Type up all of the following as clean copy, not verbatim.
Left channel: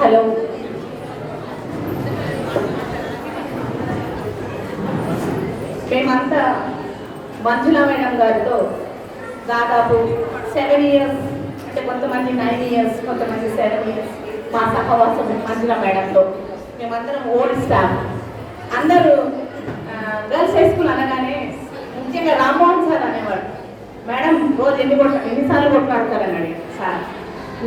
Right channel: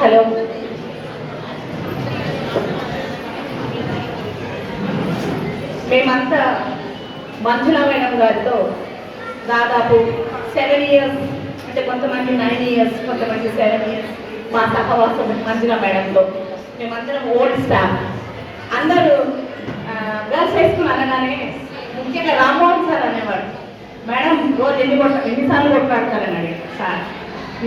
Hello, మేమంతా మంజుల madam గారితో దాదాపు 7 ఇయర్స్, అంటే కొంతమంది 9 ఇయర్స్, కొంతమంది 7 ఇయర్స్ మా సహవాసం మంజుల మేడంతో. మేమందరం ఓల్డ్ స్టాఫ్. అందరూ గర్ల్స్ హై స్కూల్ అనగానే ముఖ్యంగా రామ్మోహన్ సార్ అనేవాడు, మేడం రోజు ఎన్నిసార్లు కొట్లాడతారని అడిగారు సార్.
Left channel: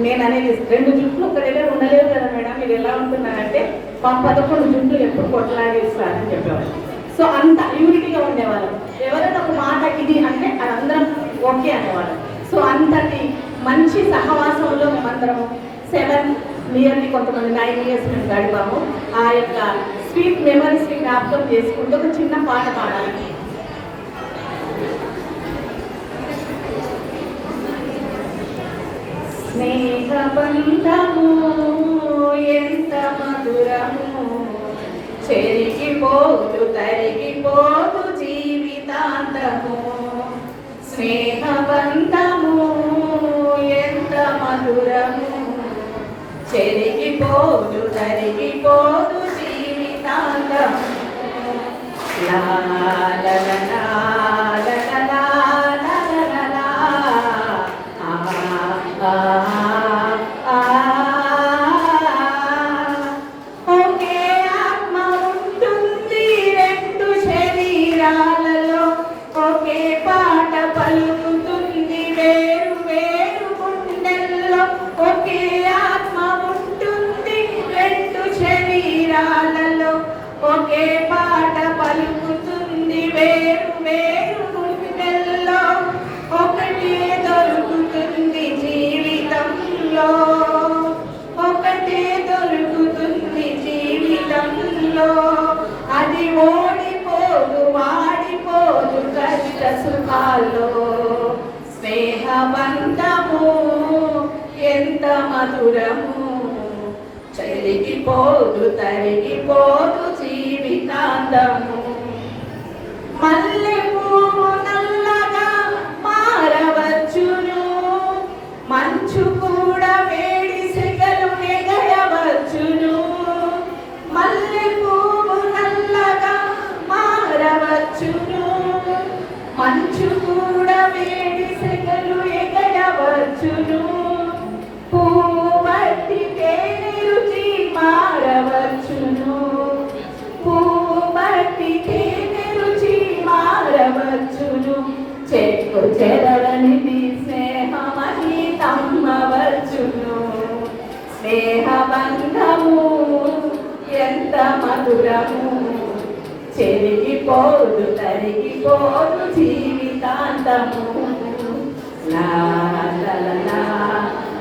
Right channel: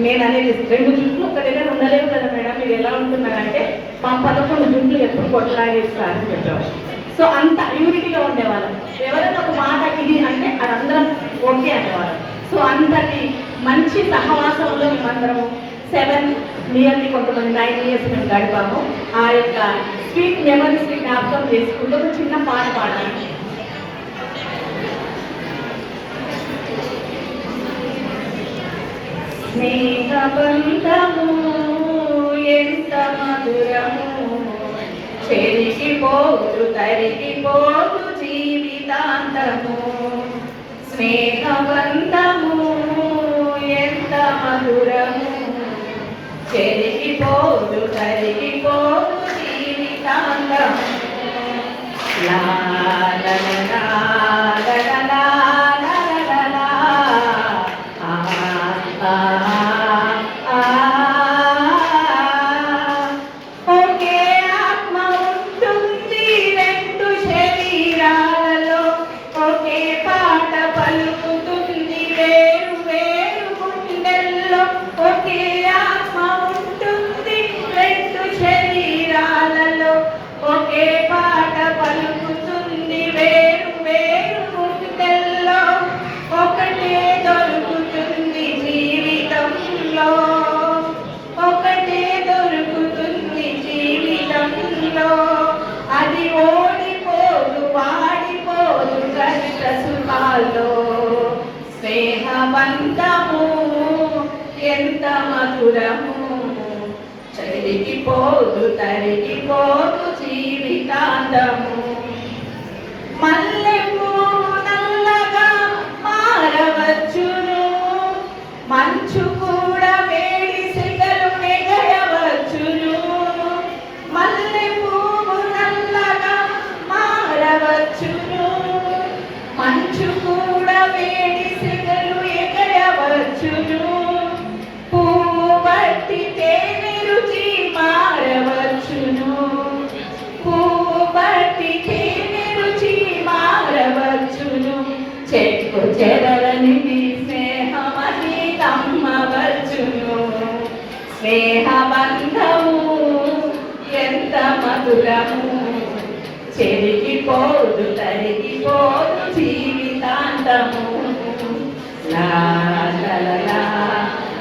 నేను అనేది 2 జుట్లు ఒక దగ్గర ఉండలేవు కదా మేడం, మీరు ఎలా ఉంటున్నారంటే మా 11 జుట్లు ఎప్పుడు కొట్లాడేది సార్ అని చెప్పేవారు. సో అంత యూనిటీగా ఉండేవాళ్ళం. ఎవరైనా ఒక మాట ఇది అంటే అందరం ఓకే అనేవాళ్ళం. సో అంతటి మంచి సహవాసంలో మేమందరము 7 నియర్లీ కొంతమంది 9 ఇయర్స్ మేము గడిపాము. ఆ యొక్క స్వీట్ మెమరీస్ని జ్ఞాపకం చేసుకుంటూ ఒక చిన్న పాట పాడాలి. స్నేహబంధము ఎంత మధురము, చెరిగిపోదు తరిగిపోదు జీవితాంతము. స్నేహబంధము ఎంత మధురము, చెరిగిపోదు తరిగిపోదు జీవితాంతము. లా లా లా లా ఒకే పాట పలుకుతుంది వేరు వేరు గుండెల్లో, ఒకటే దొరుకుతుంది జీవితంలో, ఒకటే దొరుకుతుంది జీవితంలో. అది ఓడిపోదు వాడిపోదు కష్ట సుఖాల్లో. స్నేహబంధము ఎంత మధురము, చెరిగిపోదు తరిగిపోదు జీవితాంతము. మల్లె పువ్వు నల్లగా మారవచ్చును, మంచు కూడా వేడి సెగలు నెగయవచ్చును. మల్లె పువ్వు నల్లగా మారవచ్చును, మంచు కూడా వేడి సెగలు ఎగయవచ్చును. పువ్వు బట్టి తేనె రుచి మారవచ్చును, పువ్వు బట్టి తేనె రుచి మారవచ్చును. చెట్టు చెదలని స్నేహమని కమ్మవచ్చును. స్నేహబంధము ఎంత మధురము, చెరిగిపోదు తరిగిపోదు జీవితాంతము. లా లా లా లా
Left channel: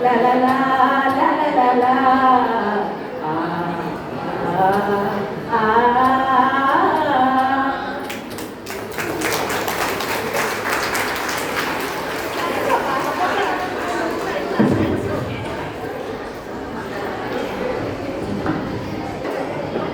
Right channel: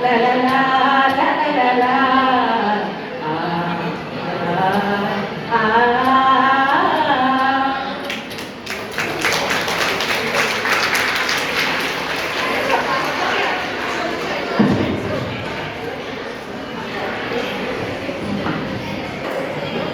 లా లా లా లా లా.